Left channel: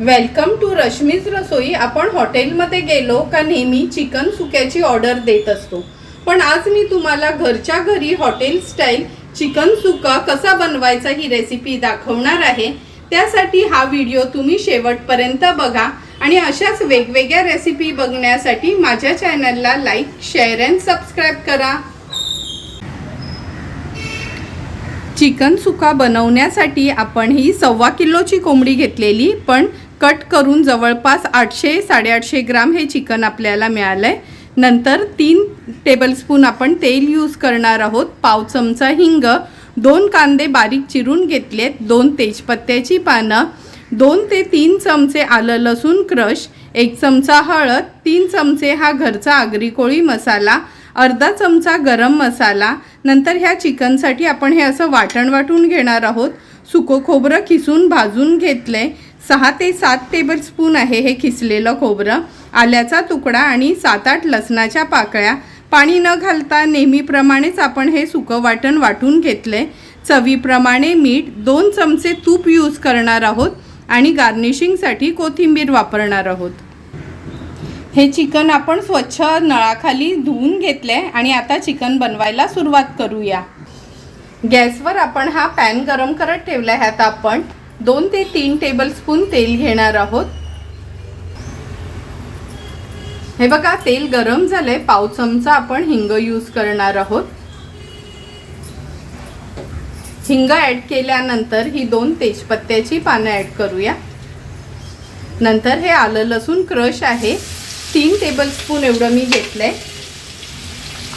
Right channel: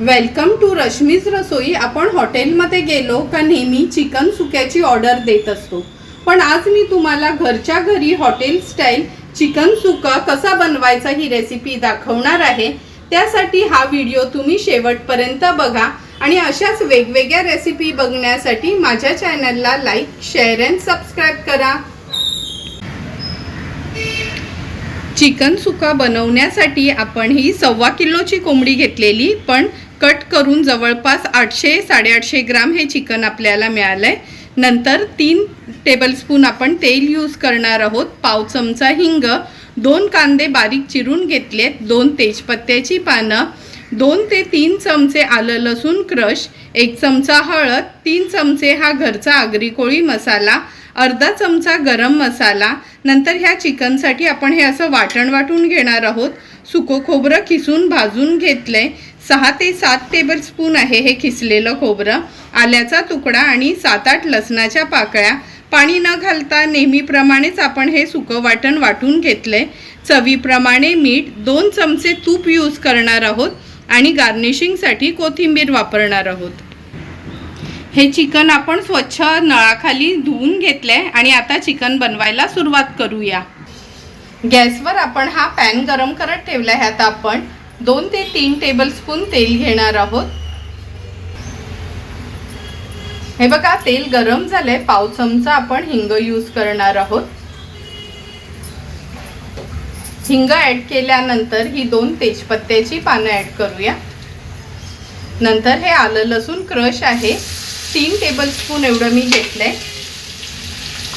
Welcome to Rashmi's रसोई आपण हॉटेलमध्ये गेलो का नेहमी चिकन सुक्याची ऑर्डर देत असतो. पण आज मी तुम्हाला घरच्या घरी हॉटेल स्टाईल चिकन सुका कसा बनवायचा ही रेसिपी दाखवणार आहे. त्यासाठी हा व्हिडिओ तुम्ही शेवटपर्यंत बघा. आणि अशाच वेगवेगळ्या रेसिपी बघण्यासाठी माझ्या चॅनलला लाईक शेअर अँड सबस्क्राईब करा. चिकन सुका बनवण्यासाठी आपण ही सव्वा किलोची कोंबडी घेतलेली पण कट करून जवळपास आठशे साडेआठशे ग्राम हे चिकन आपल्याला मिळालं आहे नंतर तीन टेबलस्पून आपण तेल यूज करणार आहोत. पाव चमचा हिंग दोन कांदे बारीक चिरून घेतलेत दोन तेजपत्त्याची पानं दोन ते तीन चमचे आलं लसूण क्रश एक चमचा हळद तीन चमचे हा घरचा आगरी कोळी मसाला अर्धा चमचा गरम मसाला नंतर ह्या चिकनसाठी आपण हे असं वाटण वाटून घेणार आहोत. सुकं खोबरं किसून भाजून घेतलं आहे सहा ते सात टेबलस्पून आहे हे खिसलेलं खोबरं. आल्याचा तुकडा आणि सात आठ लसणाच्या पाकळ्या. पाणी न घालता नेहमीप्रमाणेच आपण हे सुकं वाटण वाटून घेतलंय. चवीप्रमाणे मीठ दोन चमचे तूप यूज करणार आहोत आणि गार्निशिंगसाठी कोथिंबीर वापरणार आहोत. हे चिकन आपण स्वच्छ नळाखाली धुवून घेतलंय आणि आता चिकन बनवायला सुरुवात करूया. गॅसवर आपण हा पॅन गरम करत ठेवला ह्यात आपण दोन ते तीन टेबलस्पून तेल घेणार आहोत. हे बघा तेल गरम झालंय. पाव चमचा आपण हिंग यूज करणार आहोत. हिंग ॲड केल्यानंतर ही दोन तेजपत्त्याची पानं ॲड करूया. नंतर हे आलं लसूण क्रश आहे. तीन टेबलस्पून एवढं मी घेतलं आहे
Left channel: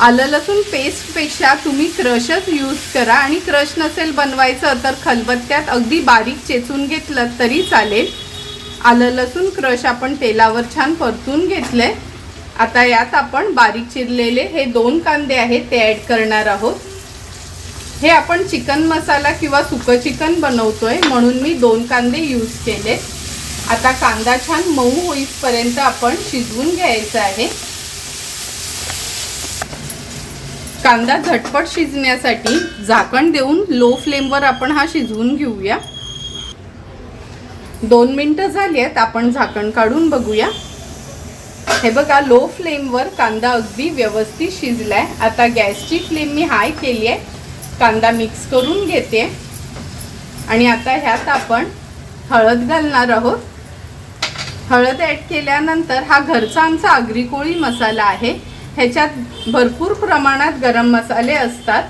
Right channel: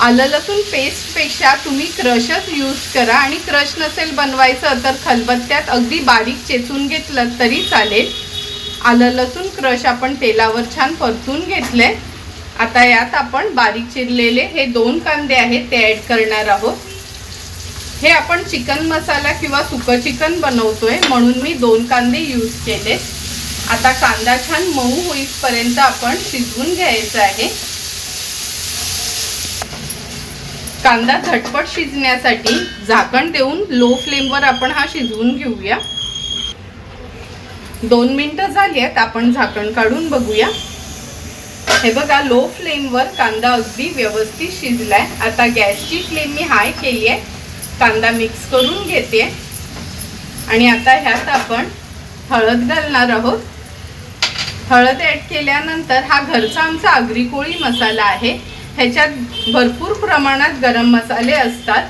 आलं लसूण पेस्टपेक्षा तुम्ही क्रशच यूज करा आणि क्रश नसेल बनवायचं तर खलबत्त्यात अगदी बारीक चेचून घेतलं तरी चालेल. आलं लसूण क्रश आपण तेलावर छान परतून आहे आता यात आपण बारीक चिरलेले हे दोन कांदे आहेत ते ॲड करणार आहोत. हे आपण चिकन मसाला किंवा सुकं चिकन बनवतोय म्हणून मी दोन कांदे यूज केले आता कांदा छान मऊ होईपर्यंत आपण शिजवून घ्यायचा आहे. कांदा झटपट शिजण्यासाठी झाकण देऊन लो फ्लेमवर आपण हा शिजवून घेऊया. दोन मिनटं झाली आहेत आपण झाकण काढून बघूया. हे बघा लो फ्लेमवर कांदा अगदी व्यवस्थित शिजलाय. आता गॅसची फ्लेम मी हाय केली आहे कांदा मिक्स करून घेते. आणि आता ह्यात आपण हळद घालणार आहोत. हळद ॲड केल्यानंतर हा घरचा आमचा आगरी कोळी मसाला आहे. ह्याच्यात भरपूर प्रमाणात गरम मसाले असतात.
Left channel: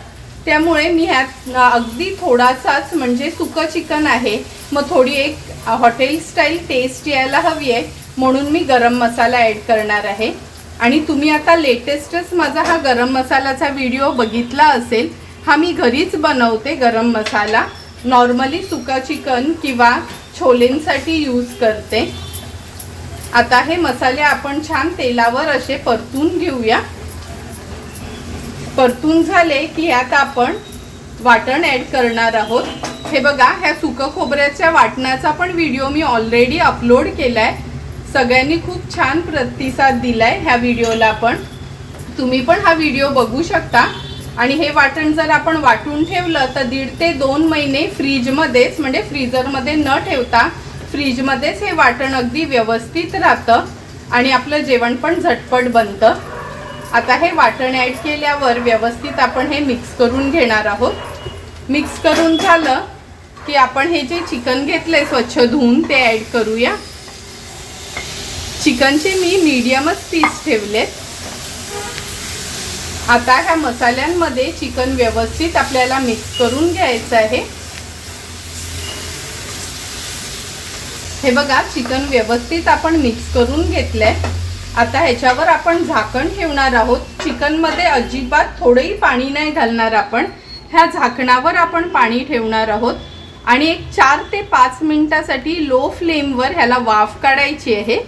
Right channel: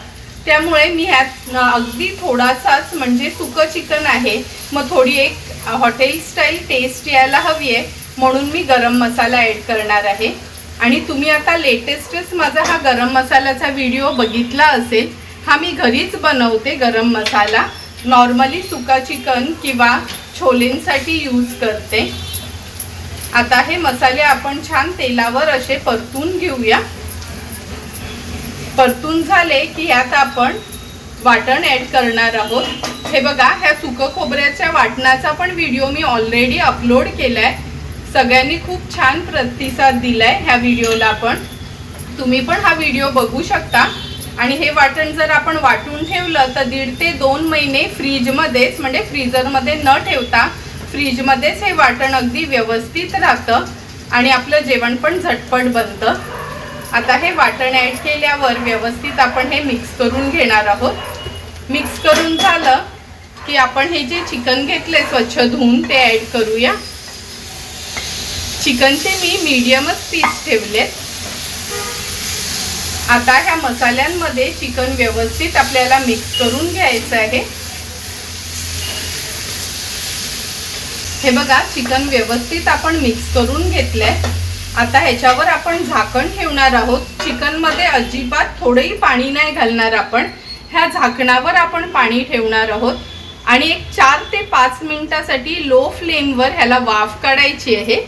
त्यामुळे मी ह्यात अगदी थोडासाच म्हणजे सुकं चिकन आहे. मग थोडी एक हॉटेल स्टाईल टेस्ट यायला हवी आहे. म्हणून मी गरम मसाला ॲड करणार आहे. आणि तुम्ही आता लेटेस्टच माझा हा गरम मसाल्याचा व्हिडिओ बघितला असेल हा मी घरीच बनवते गरम मसाला. नॉर्मली सुका चिकन किंवा छोलेंसाठी यूज करते. आता हे मसाले आपण छान तेलावर असे परतून घेऊया. परतून झाले की यात आपण वाटण ॲड करणार आहोत. हे बघा ह्या सुकं खोबऱ्याच्या वाटणाचा पण व्हिडिओ मी ऑलरेडी अपलोड केलाय. सगळ्यांनी खूप छान प्रतिसाद दिलाय ह्या व्हिडिओला पण. तुम्ही पण हा व्हिडिओ बघू शकता. आणि हे वाटण जर आपण वाटून ठेवलं तर दीड ते दोन महिने फ्रीजमध्येच म्हणजे फ्रीजरमध्ये न ठेवता फ्रीजमध्येच हे वाटण अगदी व्यवस्थित राहतं आणि आपलं जेवण पण झटपट बनतं. आता हे वाटण ॲड केल्यावर व्यवस्थित आपण हे मिक्स करून घेणार आहोत. मिक्स करून झालं की आपण हे जे चिकन घेतले स्वच्छ धुवून ते ॲड करूया. चिकनचे मी मीडियमच पीस ठेवलेत. आता ह्या मसाल्यांमध्ये चिकन व्यवस्थित आपल्याला मिक्स करून घ्यायचं आहे. हे बघा चिकन व्यवस्थित आपण मिक्स करून घेतलंय. आता ह्याच्यावर आपण झाकण ठेवणार आहोत. चिकनमध्ये अजिबात थोडंही पाणी नाही घालणार आपण. ह्या झाकणावर आपण पाणी ठेवणार आहोत. आणि एक चार ते पाच मिनिटासाठी लो फ्लेमवर ह्याला वाफ काढायची आहे.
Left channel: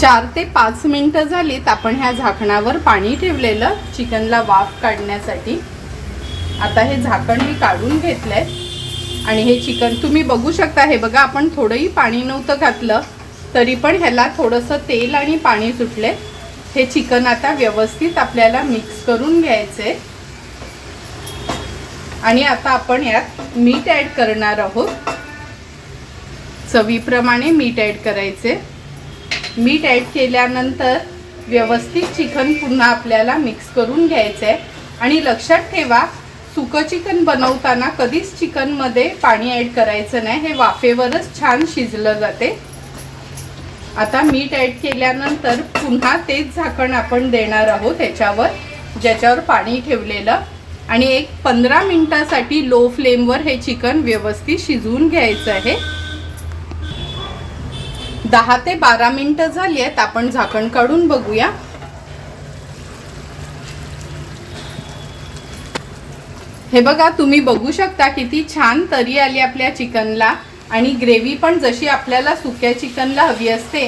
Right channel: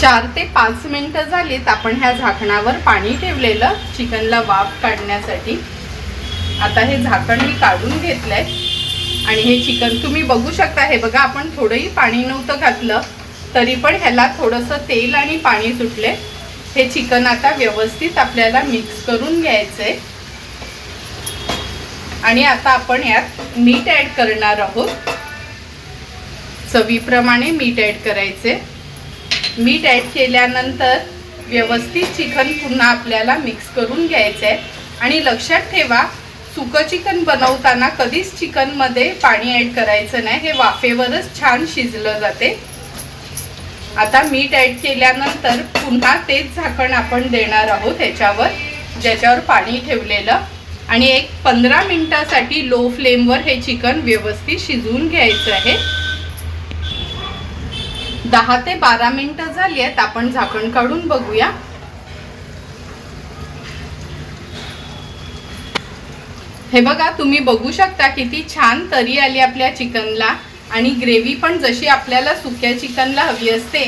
चार ते पाच मिनटं झालीत आपण ह्या झाकणावर पाणी ठेवलेलं चिकनला वाफ काढण्यासाठी. आता हे झाकण मी काढून घेतलंय. आणि हे चिकन तुम्ही बघू शकता. हे बघा आपण थोडंही पाणी नव्हतं घातलं तरी पण ह्याला थोडंसं तेल आणि पाणी सुटले. हे चिकन आता व्यवस्थित आपल्याला मिक्स करून घ्यायचंय. आणि आता आपण यात मीठ ॲड करणार आहोत. चवीप्रमाणे मीठ ॲड करायचे मीठ ॲड केल्यानंतर व्यवस्थित चिकन पुन्हा आपल्याला मिक्स करून घ्यायचं आहे आणि लक्षात ठेवा सुकं चिकन बनवताना कधीच चिकनमध्ये पाणी ॲड करायचं नाही. हे वाफेवरच छान शिजलं जाते. आता मीठ ॲड केल्यानंतर पुन्हा तेच झाकण आपण देणार आहोत ह्याच्यावर ज्याच्यावर पाणी ठेवलेलं. आणि एक पंधरा मिनिटासाठी लो फ्लेमवर हे चिकन व्यवस्थित शिजवून घ्यायचं आहे. दहा ते बारा मिनिटं झाली आहेत आपण झाकण काढून बघूया. हे बघा तुम्ही बघू शकता किती छान तरी आली आपल्या चिकनला. आणि ग्रेव्ही पण जशी आपल्याला सुक्या चिकनला हवी असते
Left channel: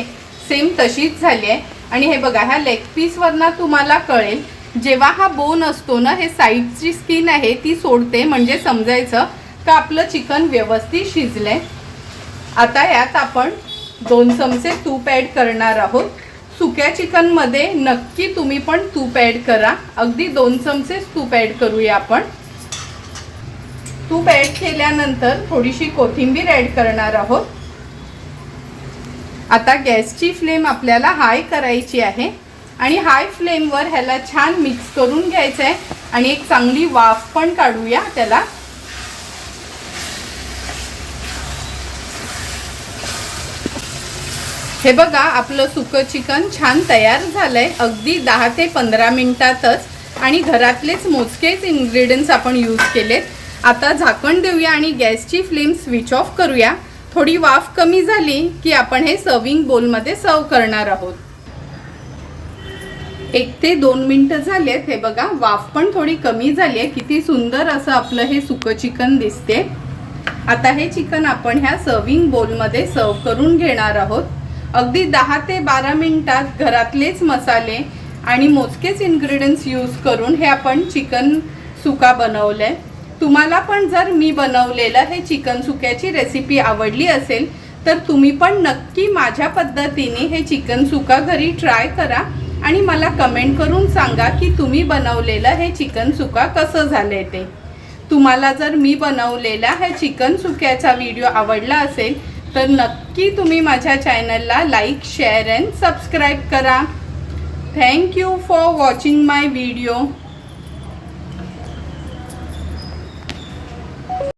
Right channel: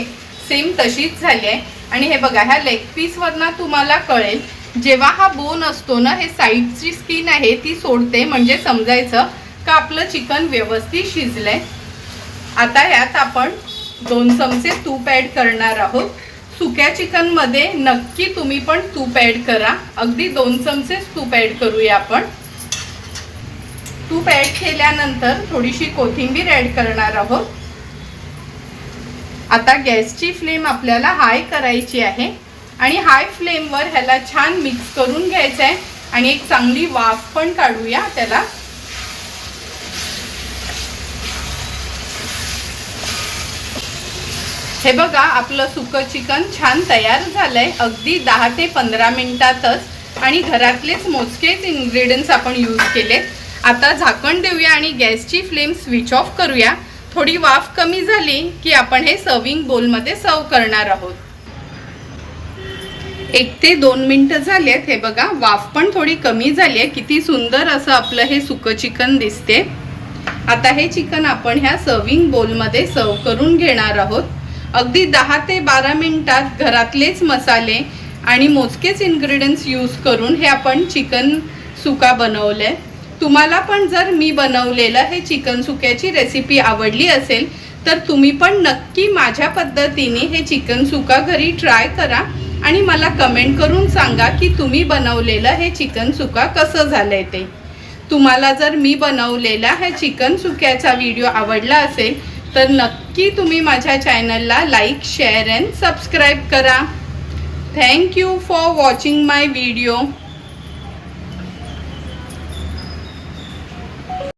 सेम तशीच झाली आहे. आणि हे बघा ह्या लेग पीसवरनं तुम्हाला कळेल जेव्हा हा बोन असतो ना हे साईडची स्किन आहे ती सोडते. म्हणजे समजायचं का आपलं चिकन व्यवस्थित शिजलंय. आता यात आपण दोन चमचे तूप ॲड करणार आहोत. सुक्या चिकनमध्ये नक्की तुम्ही पण तूप ॲड करा. अगदी दोन चमचेच तूप ॲड करूया आपण. तूप ॲड केल्यानंतर थोडीशी कोथिंबीर ॲड करणार आहोत. आता गॅसची फ्लेम आपल्याला हाय करायची आहे. आणि हाय फ्लेमवर ह्याला छान मिक्स करून घ्यायचं आहे आणि एक चांगली वाफ पण काढूया त्याला. हे बघा आपलं सुकं चिकन छान तयार झालंय. अगदी दहा ते पंधरा मिनिटातच. आणि घरातलेच मोजकेच इन्ग्रेडियंट्स आपण यूज केलेत. आता झाकण देऊया आणि गॅसची फ्लेम स्विच ऑफ करूया. थोडी वाफ कमी झाली की आपण हे सर्विंग बोलमध्ये सर्व करणार आहोत. एक ते दोन मिनटं झालेत. हे बघा वाफ पण थोडी कमी झाली आहे. किती सुंदर असं आपलं हे सुकं चिकन दिसते. आता हे चिकन आपण ह्या सर्विंग बोलमध्ये सर्व करून घेणार आहोत. अगदी दहा ते बारा मिनटात घरातलेच मसाले आणि मोजकेच इन्ग्रेडियंट्स यूज करून हे आपण चिकन सुका बनवलं आहे तुम्हाला पण जर मी बनवलेलं हे चिकन सुक्याची रेसिपी आवडली असेल तर तुम्ही पण नक्की माझ्या पद्धतीने हे चिकन सुका घरी ट्राय करा आणि मला कमेंट करून सांगा की तुम्ही बनवलेलं हे चिकन सुका कसं झालं आहे ते. तुम्हाला जर मी बनवलेला हे चिकन सुक्याचा व्हिडिओ आवडला असेल तर नक्की तुम्ही माझ्या चॅनलला लाईक शेअर अँड सबस्क्राईब करा. Thank you for watching my video